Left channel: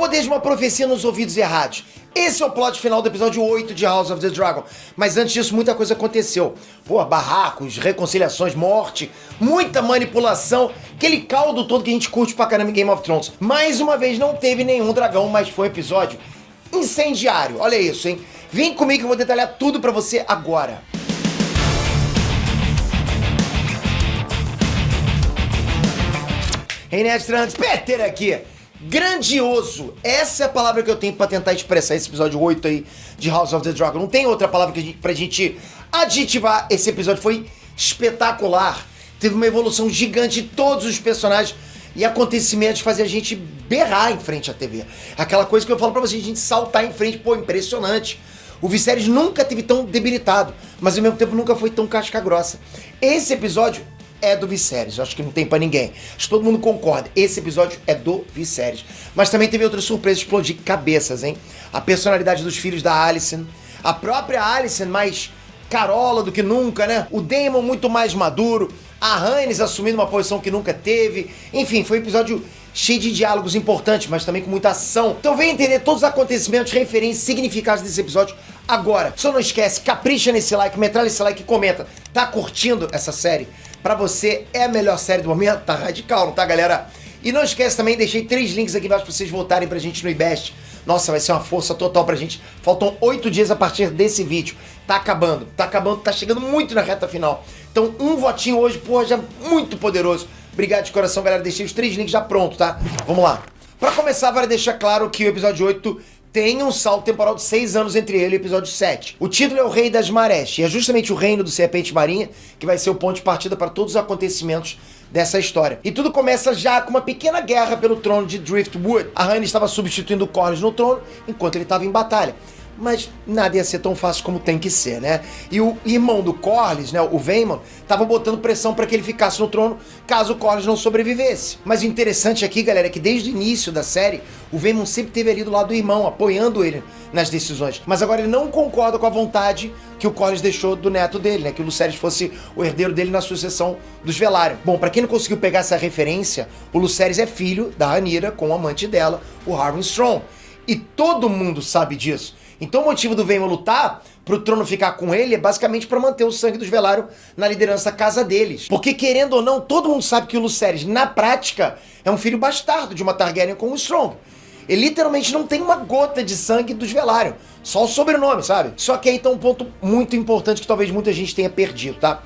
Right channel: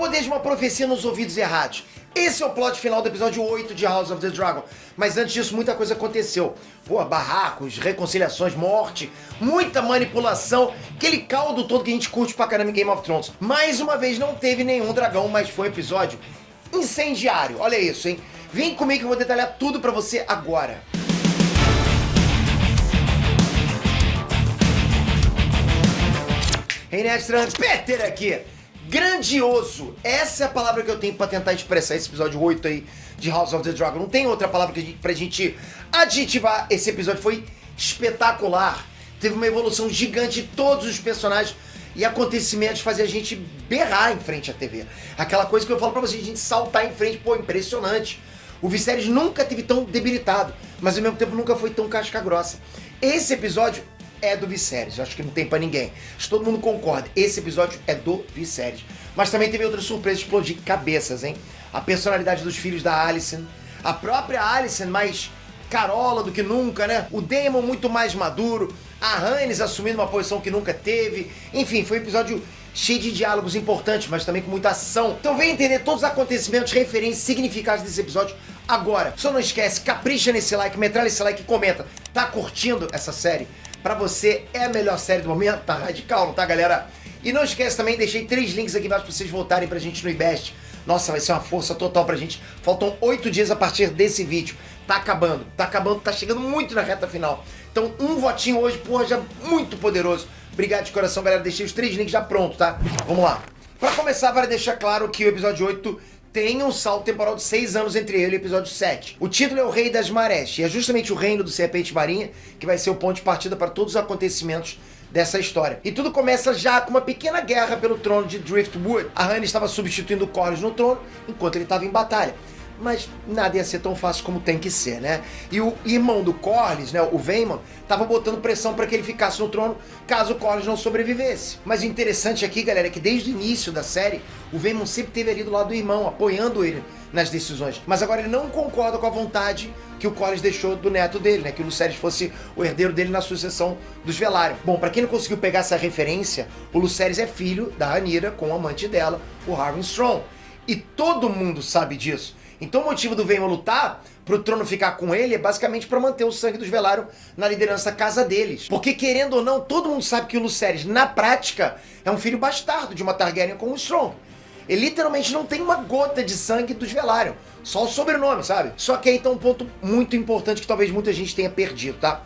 poder de uma profecia nos ouvidos errados. Esse é o plot final do episódio 8 de House of the Dragon. Mas antes disso, muita coisa aconteceu. Pô, barracos, reconciliações, morte, muita manipulação, aquele caldo todo que a gente curte pra caramba em Game of Thrones. Mais uma vez, não teve nenhum dragão, mas foi um episódio incendiário. Olha isso, hein? Vem comigo que eu vou detalhar tudo pra você agora. Hey, Nerd Trans, Peter aqui. Grandioso! Essa é a palavra que eu tenho pra tentar expressar esse episódio 8 aí de House of the Dragon. Não tem outra palavra pra gente adjetivar. Esse episódio foi espetacular. Teve uma evolução gigante de todos os personagens e acontecimentos fazer a gente berrar em frente à TV. Aquela coisa que eu falo pra vocês, a gente saltar em frente, pô, impressionante. O Viserys nunca teve tão debilitado, mas ao mesmo tempo nunca foi tão casca grossa. Esse episódio é do Viserys, eu acho que não tem pra ninguém. Acho que todo mundo concorda, esse episódio é do Viserys. Mas também teve outra surpresa, explodir cabeças, hein? A personalidade dos filhos da Alicent, a própria Alicent mais carola do que nunca, né? O Daemon muito mais maduro, a Rhaenys assumindo uma posição que nunca teve. Enfim, foi um episódio cheio de diálogos importantes, mas também com muita ação. Então vem entender todos os acontecimentos, referências, significados desse episódio agora. Só não esquece, capricha nesse like, metralha esse like e comenta. Tá curtindo essa série? Pra você é a melhor série do momento? Tá radical, não tá, galera? E não esquece também, deixei 3 links aqui embaixo pra vocês votarem pra gente no IBEST. Nossa, vai ser uma força total pra gente. Faltam 8 dias a partir desse vídeo. Tá acabando, tá chegando muito na reta final. Então um votinho hoje, pô, já muito poderoso. Obrigado de coração, galera. Deixei os 3 links já pronto, tá? Vamos lá. Pra começar, vale deixar claro que o episódio 8 tem um salto temporal de 6 anos entre ele e o episódio 7. O título é o Rei das Marés, e é justamente o reino do Serpente Marinha que vai ser o ponto de partida para todos os acontecimentos dessa história. E tudo começa já com uma pequena guerra pelo trono de Driftwood. A Rhaenys estava substituindo o Corlys no trono enquanto ele estava em batalha. Mas nada ia ser tão fácil como tem que ser, né? E o irmão do Corlys, né, o Vaemon, tava botando pressão para que ele ficasse no trono caso o Corlys não sobrevivesse. Mas o interessante aqui, galera, é que desde o início da série, o Vaemon sempre teve ali do lado do irmão, apoiando ele nas decisões. Mas agora ele não concorda com a vontade que o Corlys deixou do neto dele, né? Que o Lucerys fosse o herdeiro dele na sucessão dos Velaryon. Bom, pra quem não conseguiu pegar essa referência, o Lucerys é filho da Rhaenyra com o amante dela, o Harwin Strong. E todo mundo sabe disso. Então o motivo do Vaemon lutar pro trono ficar com ele é basicamente para manter o sangue dos Velaryon na liderança da casa deles. Porque querendo ou não, todo mundo sabe que o Lucerys, na prática, é um filho bastardo de uma Targaryen com o Strong. Ele literalmente não tem uma gota de sangue dos Velaryon, só o sobrenome, sabe? Só que aí tá um ponto muito importante que talvez muita gente tenha perdido, tá?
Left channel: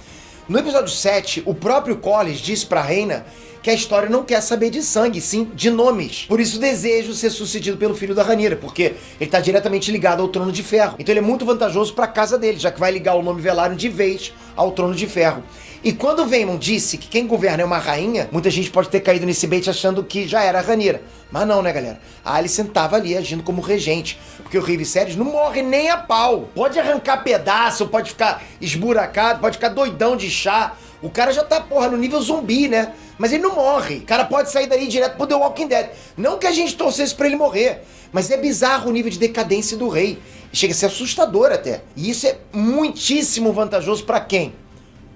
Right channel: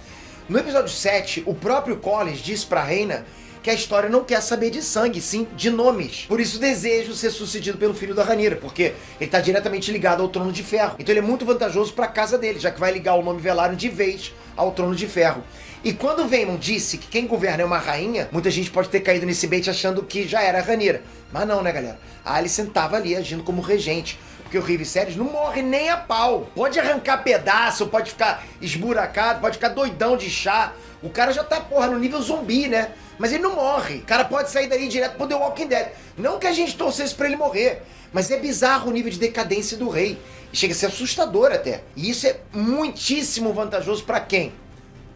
No episódio 7, o próprio Corlys disse pra Rhaena que a história não quer saber de sangue, sim de nomes. Por isso desejo ser sucedido pelo filho da Rhaenyra, porque ele tá diretamente ligado ao Trono de Ferro. Então ele é muito vantajoso pra casa dele, já que vai ligar o nome Velaryon de vez ao Trono de Ferro. E quando o Vaemon disse que quem governa é uma rainha, muita gente pode ter caído nesse bait achando que já era a Rhaenyra. Mas não, né, galera? A Alicent tava ali agindo como regente, porque o Rei Viserys não morre nem a pau. Pode arrancar pedaço, pode ficar esburacado, pode ficar doidão de chá. O cara já tá, porra, no nível zumbi, né? Mas ele não morre. O cara pode sair dali direto pro The Walking Dead. Não que a gente torcesse pra ele morrer, mas é bizarro o nível de decadência do rei. Chega a ser assustador até. E isso é muitíssimo vantajoso pra quem?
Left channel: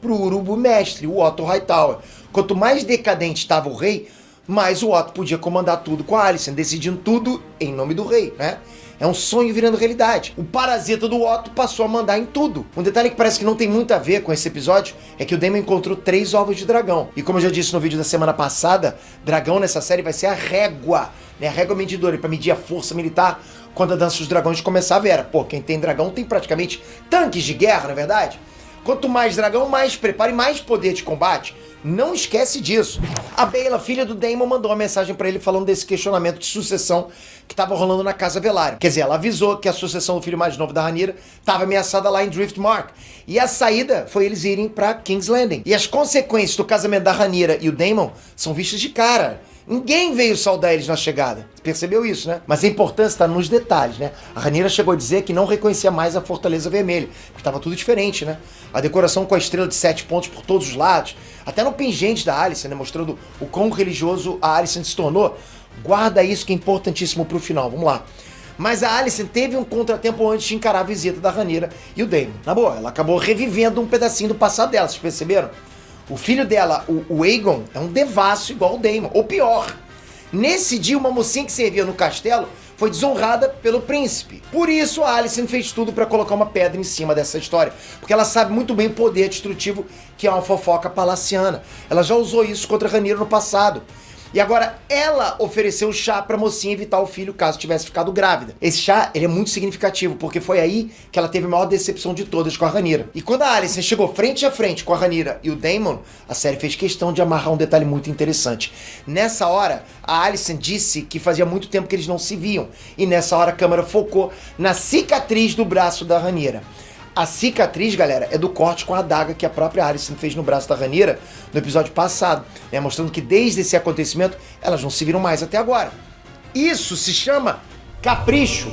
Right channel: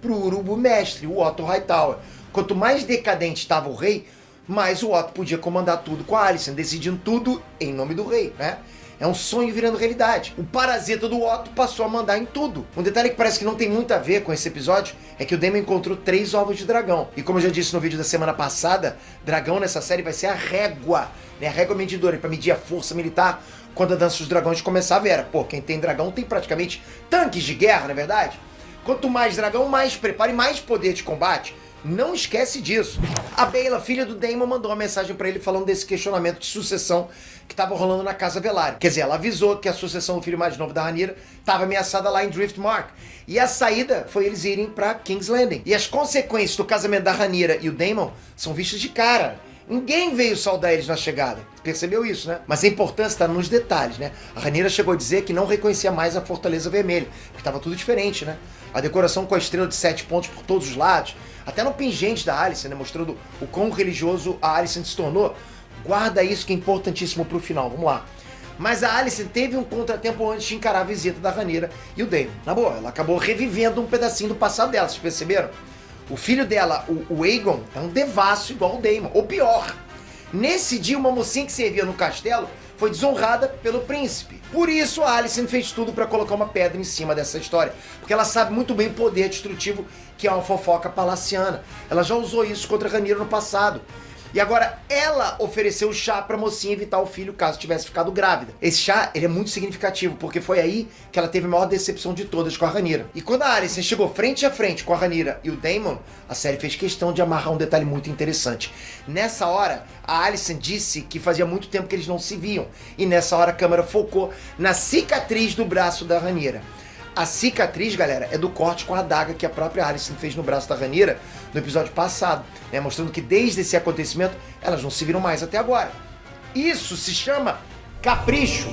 Pro urubu mestre, o Otto Hightower. Quanto mais decadente estava o rei, mais o Otto podia comandar tudo com a Alicent, decidindo tudo em nome do rei, né? É um sonho virando realidade. O parasita do Otto passou a mandar em tudo. Um detalhe que parece que não tem muito a ver com esse episódio é que o Daemon encontrou 3 ovos de dragão. E como eu já disse no vídeo da semana passada, dragão nessa série vai ser a régua, né? A régua medidora para medir a força militar quando a Dança dos Dragões começar a ver. Pô, quem tem dragão tem praticamente tanques de guerra, não é verdade? Quanto mais dragão, mais preparo e mais poder de combate. Não esquece disso. A Baela, filha do Daemon, mandou uma mensagem pra ele falando desse questionamento de sucessão que tava rolando na casa Velaryon. Quer dizer, ela avisou que a sucessão do filho mais novo da Rhaenyra tava ameaçada lá em Driftmark. E a saída foi eles irem pra King's Landing. E as consequências do casamento da Rhaenyra e o Daemon são vistas de cara. Ninguém veio saudar eles na chegada. Percebeu isso, né? Mas a importância está nos detalhes, né? A Rhaenyra chegou a dizer que não reconhecia mais a Fortaleza Vermelha, porque estava tudo diferente, né? A decoração com a estrela de 7 pontos por todos os lados, até no pingente da Alicent, né? Mostrando o quão religioso a Alicent se tornou. Guarda isso que é importantíssimo pro final, vamos lá. Mas a Alicent teve um contratempo antes de encarar a visita da Rhaenyra e o Daemon. Na boa, ela acabou revivendo um pedacinho do passado dela, vocês perceberam? O filho dela, o Aegon, é um devasso igual o Daemon, ou pior. Nesse dia, uma mocinha que servia no castelo foi desonrada pelo príncipe. Por isso, a Alicent fez tudo para colocar uma pedra em cima dessa história, porque ela sabe muito bem o poder destrutivo que é uma fofoca palaciana. Ela já usou isso contra Rhaenyra no passado. E agora ela ofereceu o chá pra mocinha evitar o filho caso tivesse ficado grávida. Esse chá, ele é muito significativo, porque foi aí que ela teve a maior decepção de todas com a Rhaenyra. E quando a Alicent chegou frente a frente com a Rhaenyra e o Daemon, a série fez questão de amarrar um detalhe muito interessante. Nessa hora, a Alicent disse que fazia muito tempo que eles não se viam. E nessa hora a câmera focou na cicatriz do braço da Rhaenyra. A cicatriz, galera, é do corte com a adaga que a própria Alicent fez no braço da Rhaenyra no episódio passado, né? Mostrando que desde esse acontecimento elas não se viram mais até agora. Isso se chama capricho.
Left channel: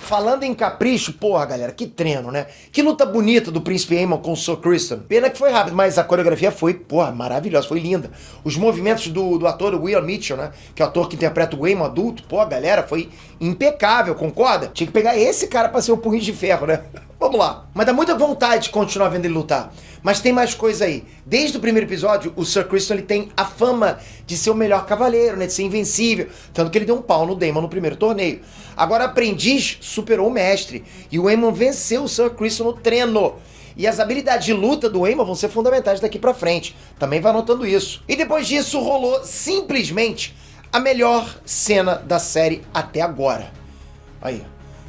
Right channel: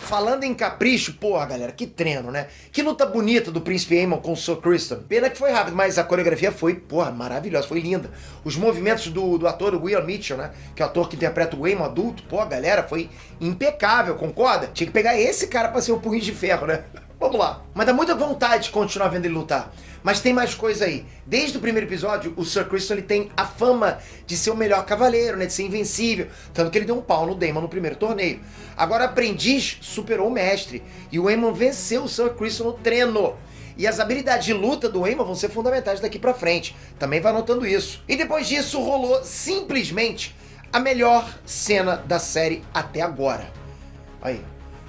Falando em capricho, porra, galera, que treino, né? Que luta bonita do Príncipe Aemon com o Sir Criston. Pena que foi rápido, mas a coreografia foi, porra, maravilhosa, foi linda. Os movimentos do ator William Mitchell, né? Que é o ator que interpreta o Aemon adulto, pô, galera, foi impecável, concorda? Tinha que pegar esse cara pra ser o punho de ferro, né? Vamos lá. Mas dá muita vontade de continuar vendo ele lutar. Mas tem mais coisa aí. Desde o primeiro episódio, o Sir Criston ele tem a fama de ser o melhor cavaleiro, né? De ser invencível. Tanto que ele deu um pau no Daemon no primeiro torneio. Agora, aprendiz superou o mestre. E o Aemon venceu o Sir Criston no treino. E as habilidades de luta do Aemon vão ser fundamentais daqui pra frente. Também vai anotando isso. E depois disso, rolou simplesmente a melhor cena da série até agora. Aí.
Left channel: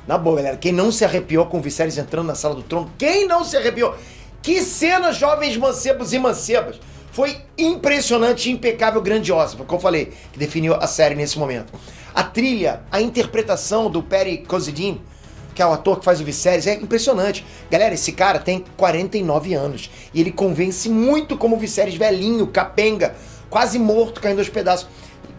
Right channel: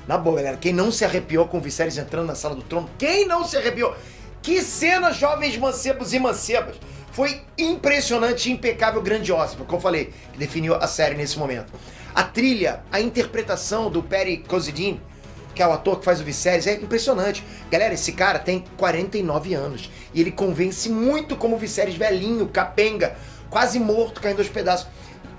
Na boa, galera, quem não se arrepiou com o Viserys entrando na sala do trono? Quem não se arrepiou? Que cena, jovens mancebos e mancebas! Foi impressionante, impecável, grandiosa, foi o que eu falei, que definiu a série nesse momento. A trilha, a interpretação do Perry Cossidine, que é o ator que faz o Viserys, é impressionante. Galera, esse cara tem 49 anos e ele convence muito como o Viserys velhinho, capenga, quase morto, caindo aos pedaços.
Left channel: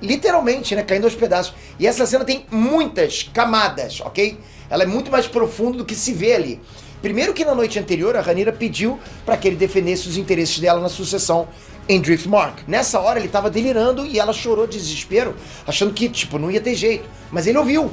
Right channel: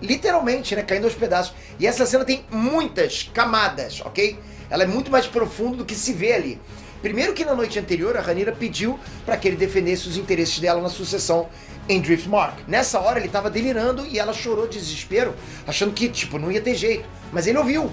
Literalmente, né, caindo aos pedaços. E essa cena tem muitas camadas, ok? Ela é muito mais profunda do que se vê ali. Primeiro que na noite anterior, a Rhaenyra pediu para que ele defendesse os interesses dela na sucessão em Driftmark. Nessa hora ele tava delirando e ela chorou de desespero, achando que, tipo, não ia ter jeito. Mas ele ouviu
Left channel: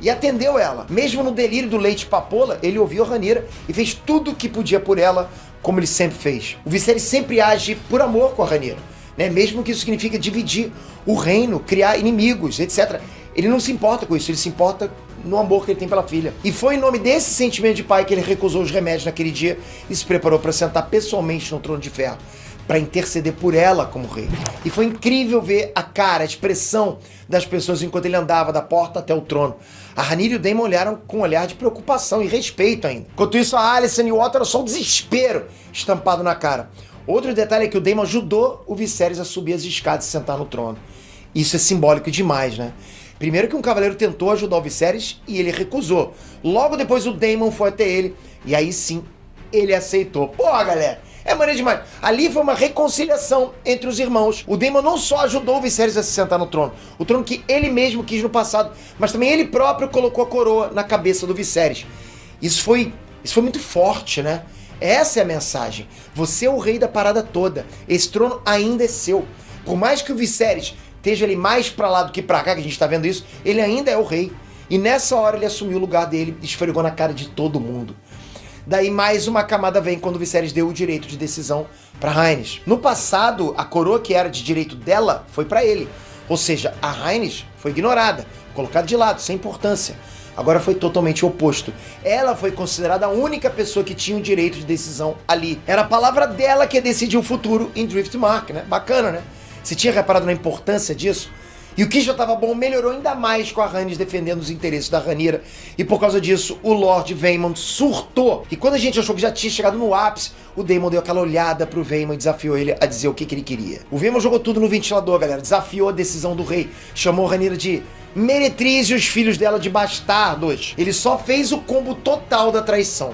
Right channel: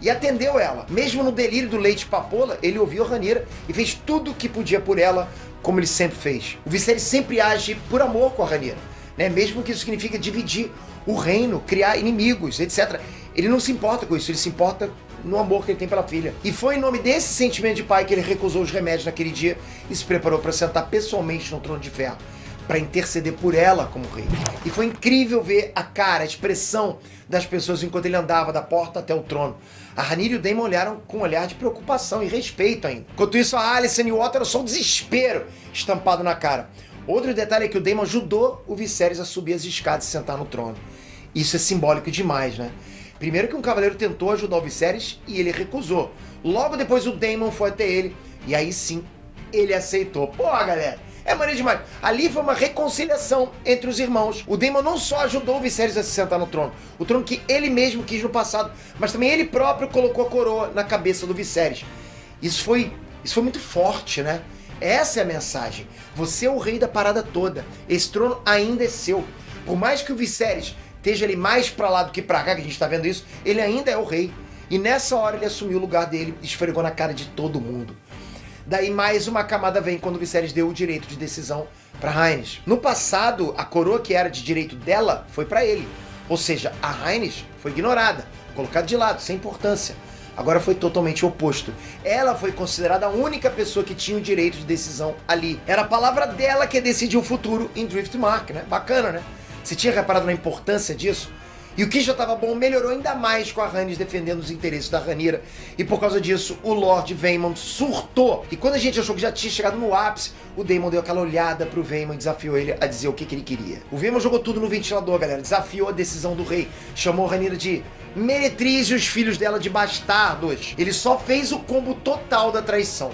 e atendeu ela. Mesmo no delírio do leite papoula, ele ouviu a Rhaenyra e fez tudo o que podia por ela, como ele sempre fez. O Viserys sempre age por amor com a Rhaenyra, né? Mesmo que isso signifique dividir o reino, criar inimigos, etc. Ele não se importa com isso, ele se importa no amor que ele tem pela filha. E foi em nome desse sentimento de pai que ele recusou os remédios naquele dia e se preparou para sentar pessoalmente no trono de ferro, para interceder por ela como rei. E foi incrível ver a cara, a expressão das pessoas enquanto ele andava da porta até o trono. A Rhaenyra e o Daemon olharam com um olhar de preocupação e respeito ainda. Enquanto isso, a Alicent e o Otto eram só um desespero estampado na cara. Outro detalhe é que o Daemon ajudou o Viserys a subir as escadas e sentar no trono. Isso é simbólico demais, né? Primeiro que um cavaleiro tentou ajudar o Viserys e ele recusou. Logo depois o Daemon foi até ele e aí sim ele aceitou. Porra, galera, é maneiro demais. Ali foi uma reconciliação entre os irmãos. O Daemon não só ajudou o Viserys a se sentar no trono, o trono que ele mesmo quis no passado, mas também ele próprio colocou a coroa na cabeça do Viserys. Isso foi muito forte, né? Essa é a mensagem. Você é o rei da parada toda. Esse trono ainda é seu. Por mais que o Viserys esteja ali mais pra lá do que pra cá, que a gente tá vendo isso, ele ainda é o rei. E nessa hora ele assumiu o lugar dele e esfregou na cara de todo mundo. Daí mais uma camada vem quando o Viserys deu o direito de decisão pra Rhaenys. No passado, a coroa que era de direito dela foi pra ele. Ou seja, a Rhaenys foi ignorada, colocada de lado, sem importância. Agora foi totalmente o oposto. Ela foi considerada a única pessoa que tinha o direito de decisão ali. Era a palavra dela que ia decidir o futuro em Driftmark, né? Bacana, né? Você tinha reparado na importância disso? E o que já estava bom melhorou ainda mais com a Rhaenys defendendo os interesses da Rhaenyra. E por causa disso, o Lord Vaemon surtou. E quando a gente achou que já tinha chegado no ápice, o Daemon deu aquela olhada pro Vaemon e desafiou ele a dizer o que ele queria. O Vaemon jogou tudo no ventilador, galera. Desafiou a decisão do rei. Chamou a Rhaenyra de meretriz e os filhos dela de bastardos. Ele só fez o combo total da traição.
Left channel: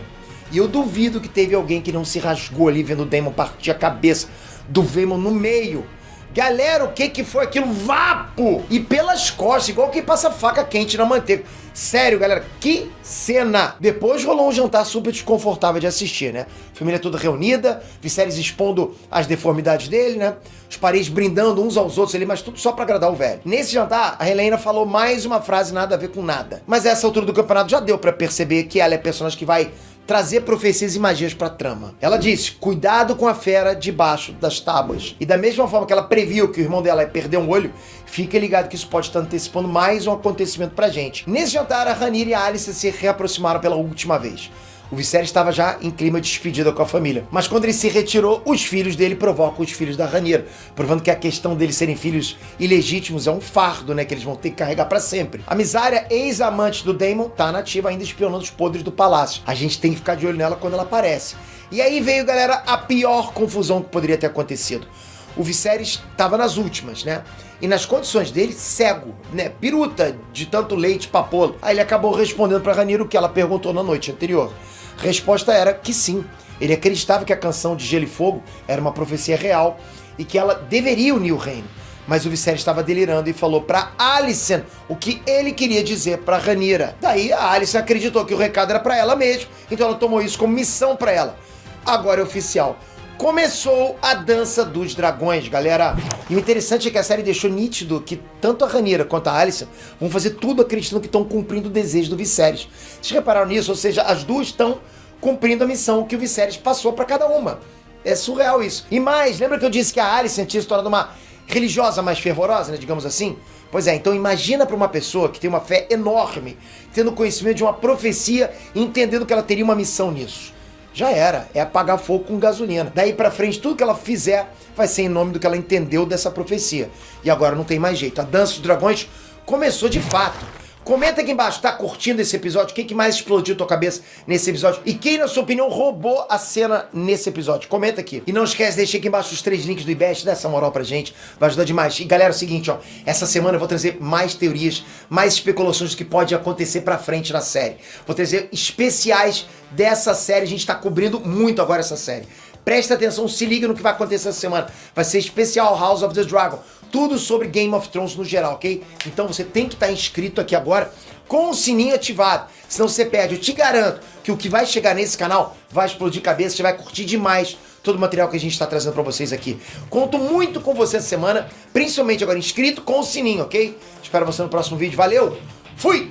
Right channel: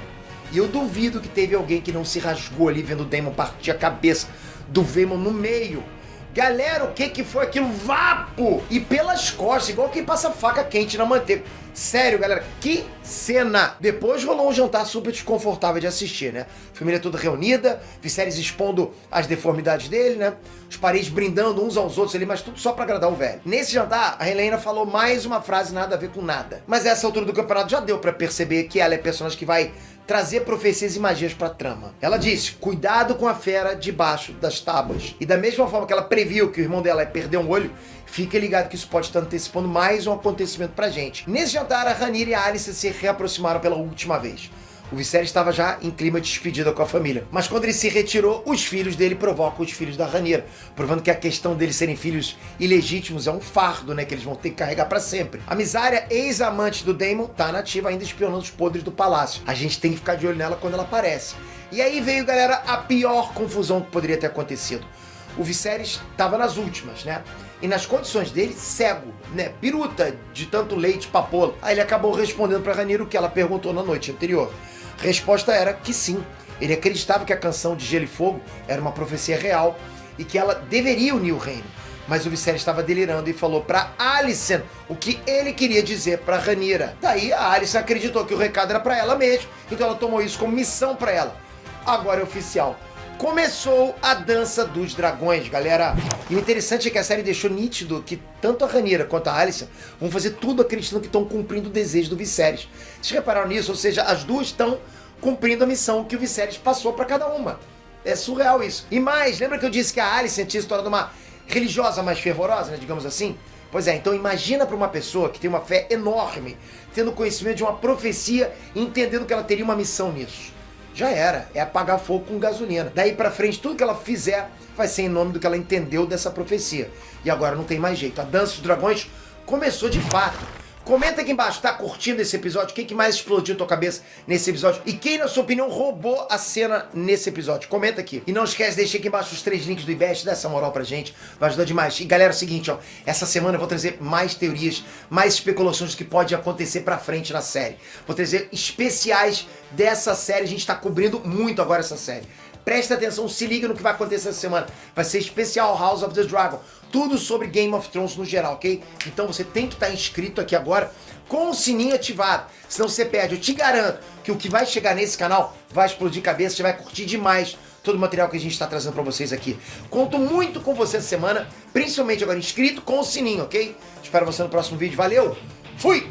E eu duvido que teve alguém que não se rasgou ali vendo o Daemon partir a cabeça do Vaemon no meio. Galera, o que foi aquilo? Vapo! E pelas costas, igual quem passa faca quente na manteiga. Sério, galera, que cena! Depois rolou um jantar super desconfortável de assistir, né? Família toda reunida, Viserys expondo as deformidades dele, né? Os parentes brindando uns aos outros ali, mas tudo só pra agradar o velho. Nesse jantar, a Helaena falou mais uma frase nada a ver com nada. Mas a essa altura do campeonato já deu pra perceber que ela é a personagem que vai trazer profecias e magias pra trama. Ela disse, cuidado com a fera debaixo das tábuas. E da mesma forma que ela previu que o irmão dela ia perder um olho, fique ligado que isso pode estar antecipando mais um acontecimento pra gente. Nesse jantar, a Rhaenyra e a Alicent se reaproximaram pela última vez. O Viserys estava já em clima de despedida com a família. Mas quando ele se retirou, os filhos dele provocam os filhos da Rhaenyra, provando que a questão deles serem filhos ilegítimos é um fardo, né, que eles vão ter que carregar pra sempre. A Mysaria, ex-amante do Daemon, tá nativa ainda espionando os podres do palácio. A gente tem que ficar de olho nela quando ela aparece. E aí veio, galera, a pior confusão que poderia ter acontecido. O Viserys estava nas últimas, né? E nas condições dele, cego, né? Piruta de tanto leite papoula. Aí ele acabou respondendo pra Rhaenyra o que ela perguntou na noite anterior. A resposta era que sim. Ele acreditava que a canção de Gelo e Fogo era uma profecia real e que ela deveria unir o reino. Mas o Viserys estava delirando e falou pra Alicent o que ele queria dizer pra Rhaenyra. Daí a Alicent acreditou que o recado era pra ela mesmo, então ela tomou isso como missão pra ela. Agora é oficial. Começou a Dança dos Dragões, galera. E o interessante é que a série deixou nítido que tanto a Rhaenyra quanto a Alicent vão fazer tudo acreditando que estão cumprindo o desejo do Viserys. Vocês repararam nisso? Ou seja, as duas estão cumprindo a missão que o Viserys passou pra cada uma. É surreal isso. E mais, lembra que eu disse que a Alicent tinha se tornado uma religiosa mais fervorosa, né, digamos assim? Pois é, então imagina pra uma pessoa que tem uma fé enorme, tendo conhecimento de uma profecia e entendendo que ela teria uma missão nisso. Já era, é apagar fogo com gasolina. Daí pra frente, tudo que ela fizer vai ser em nome do que ela entendeu dessa profecia. E agora não tem mais jeito. A Dança dos Dragões começou de fato. Comenta aqui embaixo, tá curtindo esse episódio? O que mais explodiu tua cabeça nesse episódio? E quem, na sua opinião, roubou a cena nesse episódio? Comenta aqui. E não esquece de deixar aqui embaixo os 3 links do IBEST, dá essa moral pra gente, vai ajudar demais. E galera, é o seguinte, ó, essa semana eu vou trazer mais teorias, mais especulações do que pode acontecer pra frente na série. Vou trazer especiais dessa série, a gente tá cobrindo muito agora essa série. Presta atenção, se liga no que vai acontecer essa semana. Vai ser especial House of the Dragon. Tudo sobre Game of Thrones no geral, ok? Então você tem que estar inscrito aqui agora com o sininho ativado, senão você perde. Eu te garanto que o que vai chegar nesse canal vai explodir cabeça, você vai curtir demais todo o material que a gente está trazendo para vocês aqui. Conto muito com você essa semana, principalmente agora inscrito com o sininho, ok? Espero você no próximo vídeo. Valeu, fui!